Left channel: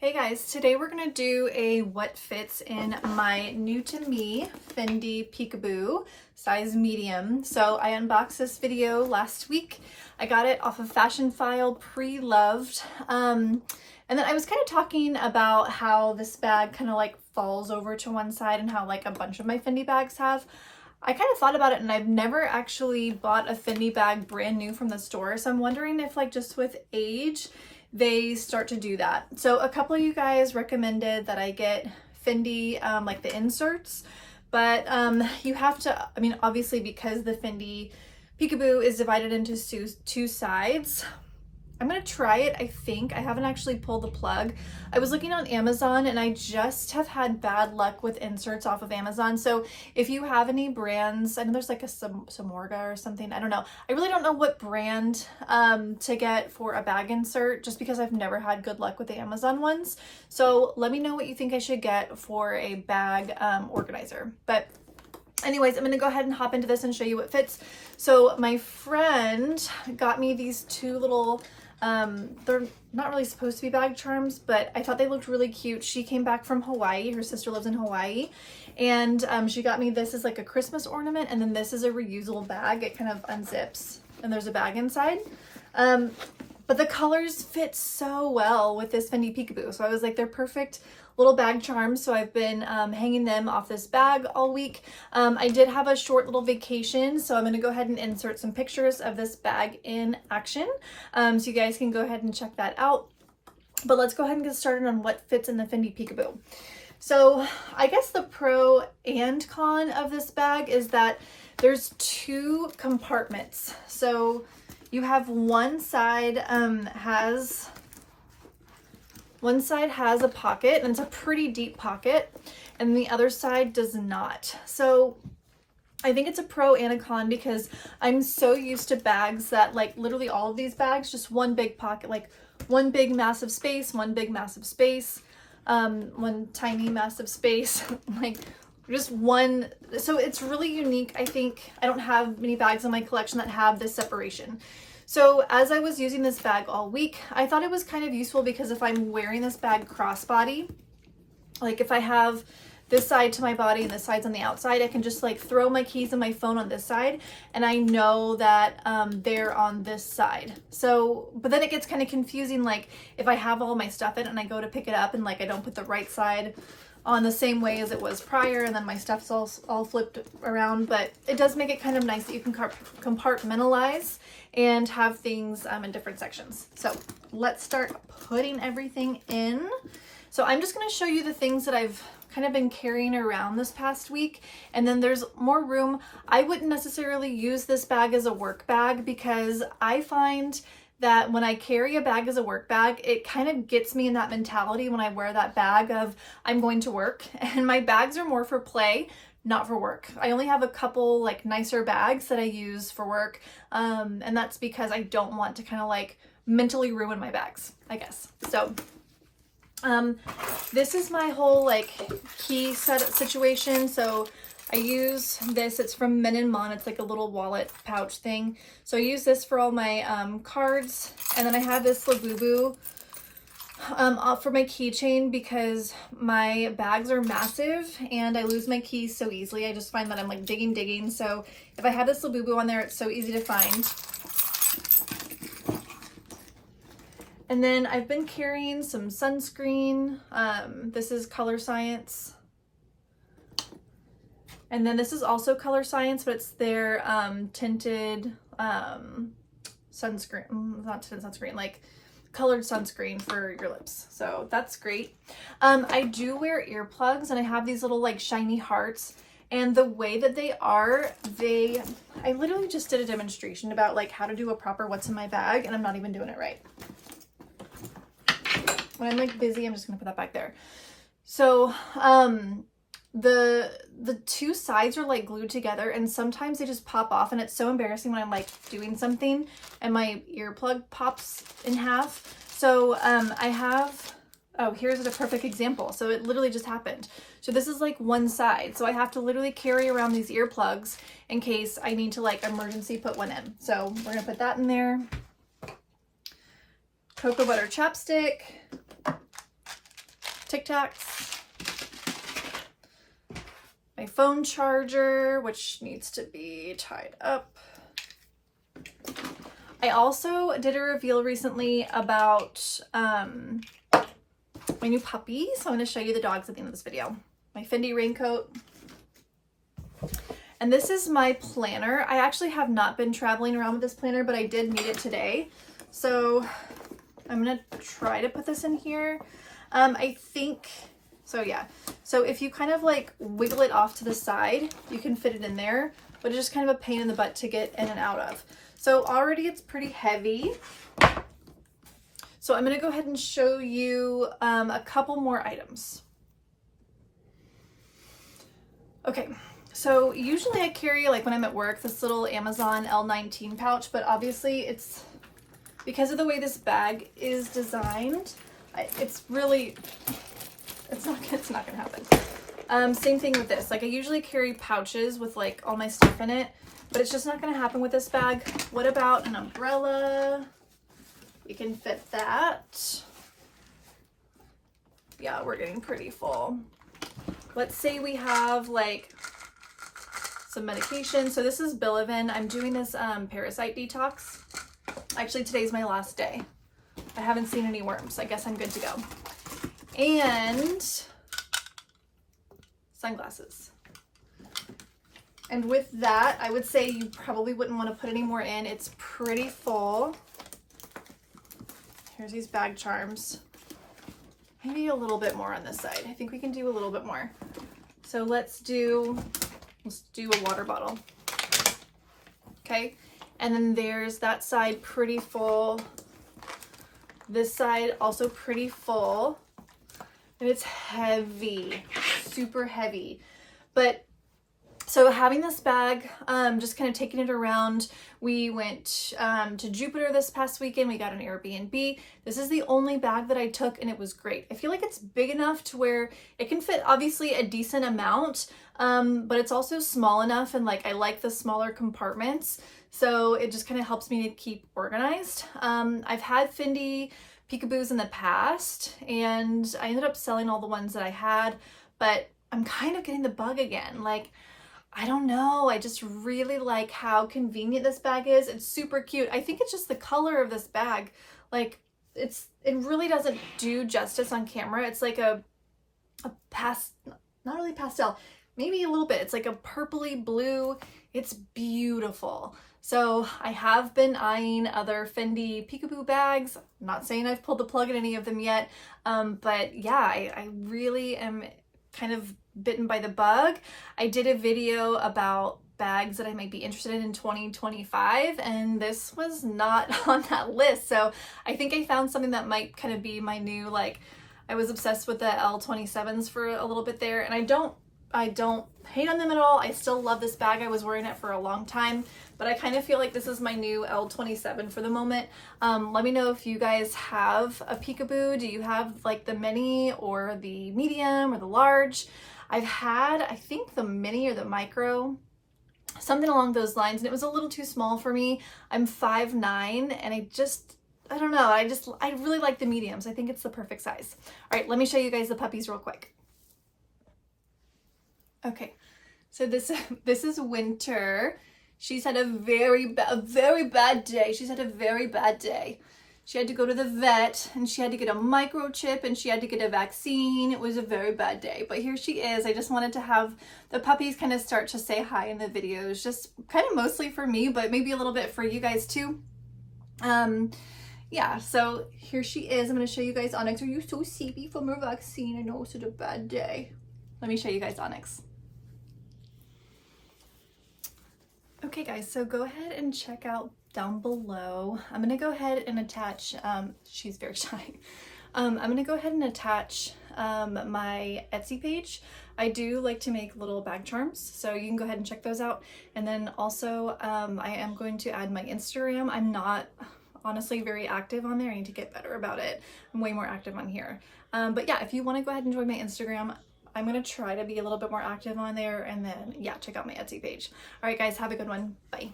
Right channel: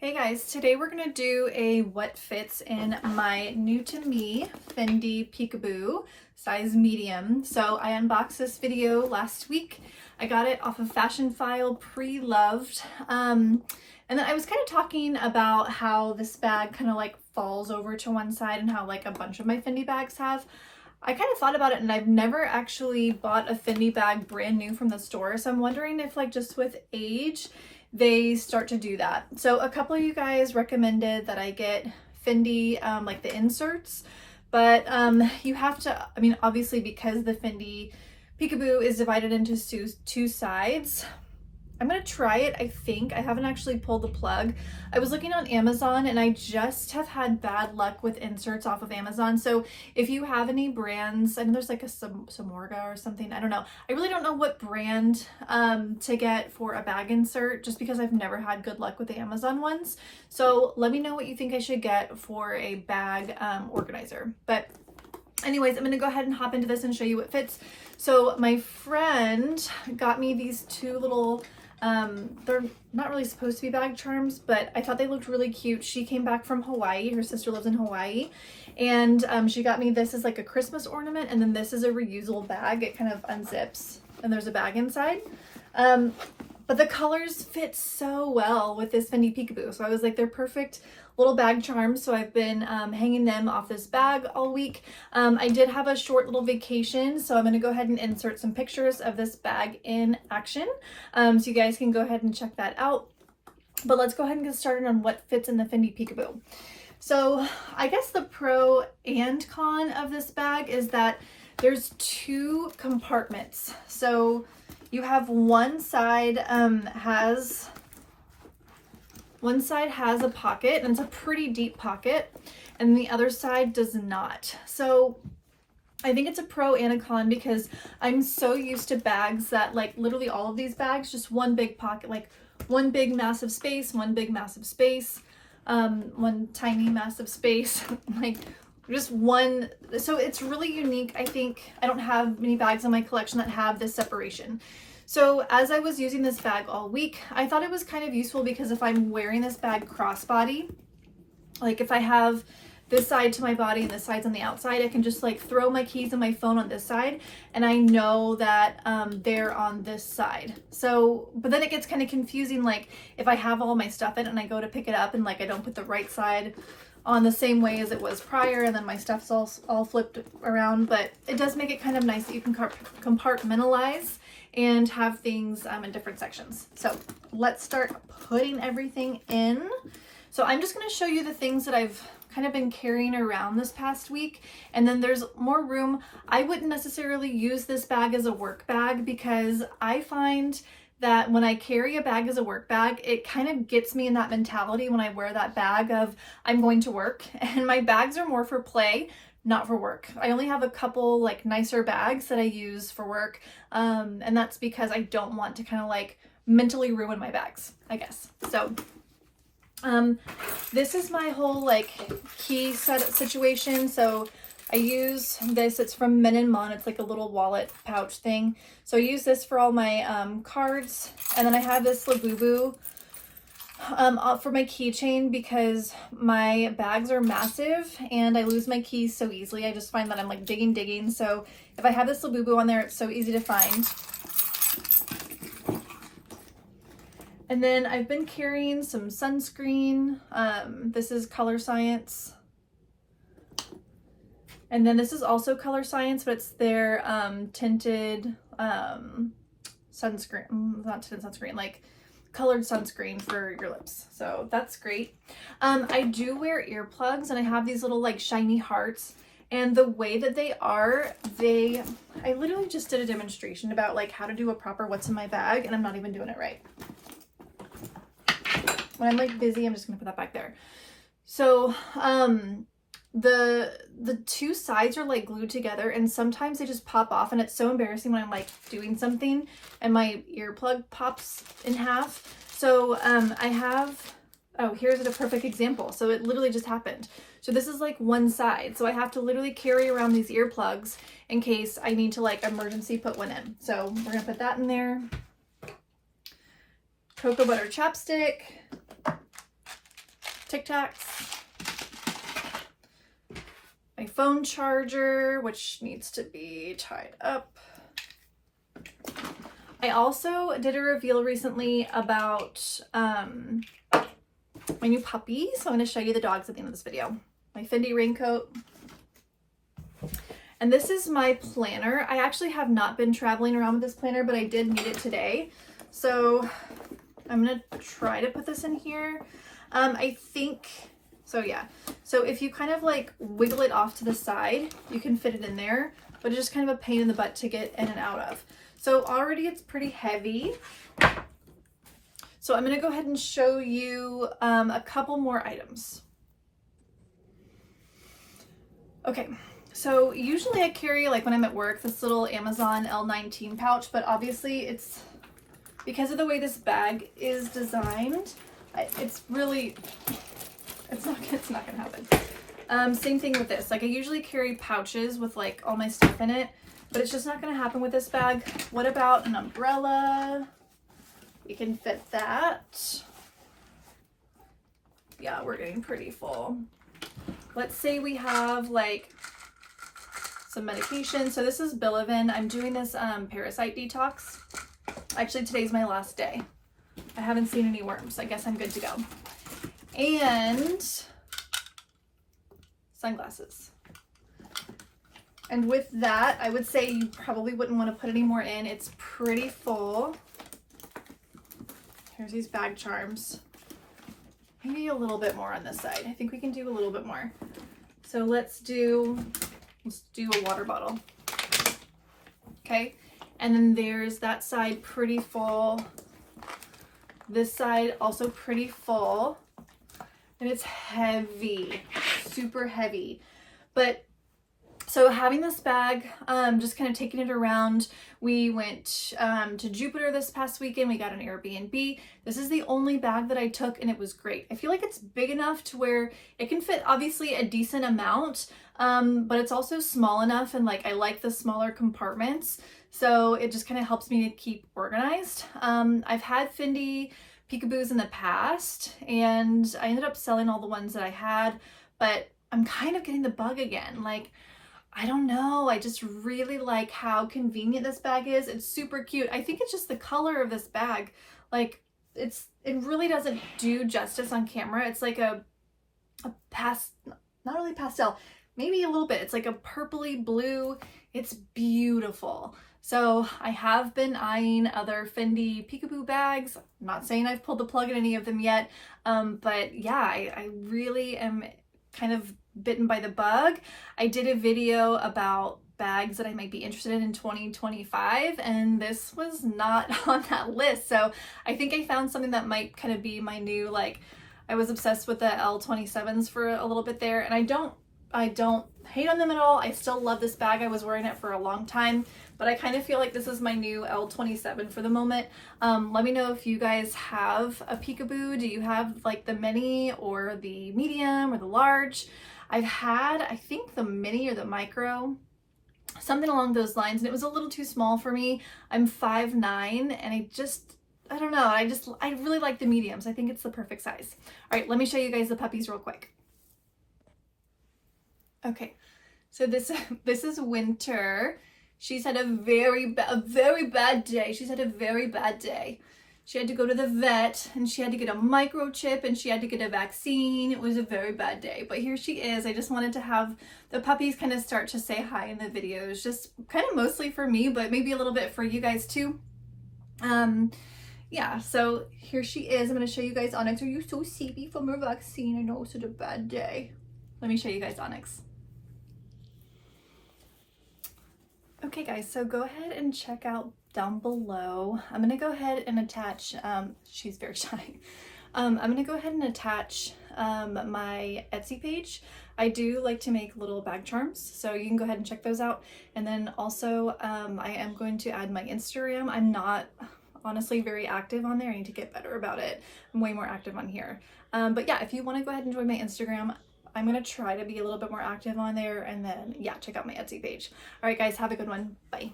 Hey guys, today we're going to do a what fits in my new to me Fendi Peekaboo size medium. So I unboxed this video last week. I got it off of Fashion File pre-loved. And then I was kind of talking about how this bag kind of like falls over to one side and how like a bunch of my Fendi bags have. I kind of thought about it and I've never actually bought a Fendi bag brand new from the store. So I'm wondering if like just with age, they start to do that. So a couple of you guys recommended that I get Fendi, like the inserts, but you have to, I mean, obviously because the Fendi Peekaboo is divided into two sides, I'm gonna try it. I think I haven't actually pulled the plug. I was looking on Amazon and I just have had bad luck with inserts off of Amazon. So if you have any brands, I know there's like a Samorga or something, I don't know. I really don't know what brand to get for a bag insert just because I've never had good luck with the Amazon ones. So let me know what you think I should get for a bag organizer. But anyways, I'm gonna go ahead and hop into this and show you what fits. So my friend got me these two little they're not really supposed to be bag charms, but I thought they looked really cute. She came back from Hawaii. Her sister lives in Hawaii. And she got me this as like a Christmas ornament. And then this is a reusable bag. It kind of unzips and there's a bag inside. But the colors fit so well with this Fendi Peekaboo. So I was like, they're perfect little bag charms. So I've been hanging them off this bag all week. I did have a short little vacation, so I'm going to go ahead and insert some pictures of this bag in action. So you guys can go ahead and check that out. But let's go ahead and get started on what fits in the Fendi Peekaboo. So I guess the pro and con of this bag is that there's two compartments. So you have one side has a pocket, and it's a pretty deep pocket, and the other side does not. So I think it's a pro and a con because I'm so used to bags that like literally all of these bags, just one big pocket, like one big massive space, one big massive space, one tiny massive space, like just one. So it's really unique. I think I don't have many bags in my collection that have this separation. So as I was using this bag all week, I thought it was kind of useful because if I'm wearing this bag crossbody, like if I have this side to my body and this side's on the outside, I can just like throw my keys and my phone on this side and I know that they're on this side. So, but then it gets kind of confusing, like if I have all my stuff in it and I go to pick it up and like I don't put the right side on the same way as it was prior and then my stuff's all flipped around. But it does make it kind of nice that you can compartmentalize and have things in different sections. So let's start putting everything in. So I'm just going to show you the things that I've kind of been carrying around this past week, and then there's more room. I wouldn't necessarily use this bag as a work bag because I find that when I carry a bag as a work bag, it kind of gets me in that mentality when I wear that bag of I'm going to work, and my bags are more for play, not for work. I only have a couple like nicer bags that I use for work, and that's because I don't want to kind of like mentally ruin my bags, I guess. So this is my whole like key setup situation. So I use this, it's from Men & Mon, it's like a little wallet pouch thing. So I use this for all my cards, and then I have this Labubu for my keychain because my bags are massive and I lose my keys so easily. I just find that I'm like digging. So if I have this Labubu on there, it's so easy to find. And then I've been carrying some sunscreen. This is Color Science. And then this is also Color Science, but it's their tinted sunscreen, not tinted sunscreen, like colored sunscreen for your lips. So that's great. I do wear earplugs and I have these little like shiny hearts, and the way that they are, I literally just did a demonstration about like how to do a proper what's in my bag, and I'm not even doing it right. When I'm like busy, I'm just gonna put that back there. So the two sides are like glued together, and sometimes they just pop off, and it's so embarrassing when I'm like doing something and my earplug pops in half. So I have, oh, here's a perfect example. So it literally just happened. So this is like one side, so I have to literally carry around these earplugs in case I need to like emergency put one in. So we're gonna put that in there. Cocoa butter chapstick, Tic Tacs, my phone charger, which needs to be tied up. I also did a reveal recently about my new puppy, so I'm going to show you the dogs at the end of this video. My Fendi raincoat. And this is my planner. I actually have not been traveling around with this planner, but I did need it today. So I'm going to try to put this in here. I think, so yeah. So if you kind of like wiggle it off to the side, you can fit it in there, but it's just kind of a pain in the butt to get in and out of. So already it's pretty heavy. So I'm going to go ahead and show you a couple more items. Okay. So usually I carry, like when I'm at work, this little Amazon L19 pouch, but obviously it's, because of the way this bag is designed, it's not gonna happen. Same thing with this. Like I usually carry pouches with like all my stuff in it, but it's just not gonna happen with this bag. What about an umbrella? We can fit that. Yeah, we're getting pretty full. Let's say we have like some medication. So this is Bilivin. I'm doing this parasite detox. Actually, today's my last day. I haven't seen any worms. I guess I'm good to go. And sunglasses. And with that, I would say you probably wouldn't want to put any more in. It's pretty full. Here's these bag charms. Maybe a little bit more on this side. I think we can do a little bit more. So let's do a water bottle. Okay. And then there's that side pretty full. This side also pretty full. And it's heavy, super heavy. But so having this bag, just kind of taking it around, we went to Jupiter this past weekend. We got an Airbnb. This is the only bag that I took and it was great. I feel like it's big enough to where it can fit obviously a decent amount, but it's also small enough and like I like the smaller compartments. So it just kind of helps me to keep organized. I've had Fendi Peekaboos in the past and I ended up selling all the ones that I had, but I'm kind of getting the bug again. Like, I don't know. I just really like how convenient this bag is. It's super cute. I think it's just the color of this bag. Like it really doesn't do justice on camera. It's like a not really pastel, maybe a little bit. It's like a purpley blue. It's beautiful. So I have been eyeing other Fendi Peekaboo bags. I'm not saying I've pulled the plug in any of them yet. But yeah, I really am kind of bitten by the bug. I did a video about bags that I might be interested in 2025 and this was not on that list. So I think I found something that might kind of be my new, like, I was obsessed with the L27s for a little bit there and I don't hate on them at all. I still love this bag. I was wearing it for a long time, but I kind of feel like this is my new L27 for the moment. Let me know if you guys have a Peekaboo. Do you have like the mini or the medium or the large? I've had, I think the mini or the micro, something along those lines, and it was a little too small for me. I'm 5'9", and I don't know. I really like the mediums. I think it's the perfect size. All right, let me show you guys the puppies real quick. Okay, so this is Winter. She's had a very bad day. She's had a very bad day. She had to go to the vet and she had to get a microchip and she had to get a vaccine. It was a very bad day, but here she is. I just wanted to have the puppies kind of start to say hi in the videos, just kind of mostly for me, but maybe a little bit for you guys too. Yeah, so here she is. I'm going to show you guys Onyx. Are you so sleepy from her vaccine? I know, it's such a bad day. Let me show you guys Onyx. Okay guys, so go ahead and check out down below. I'm gonna go ahead and attach, she's very shy. I'm gonna go ahead and attach my Etsy page. I do like to make little bag charms, so you can go ahead and check those out. And then also I am going to add my Instagram. I'm not honestly very active on there. I need to get better about it. I'm way more active on here. But yeah, if you wanna go ahead and join my Instagram, I'm going to try to be a little bit more active on there, and then yeah, check out my Etsy page. All right guys, have a good one. Bye.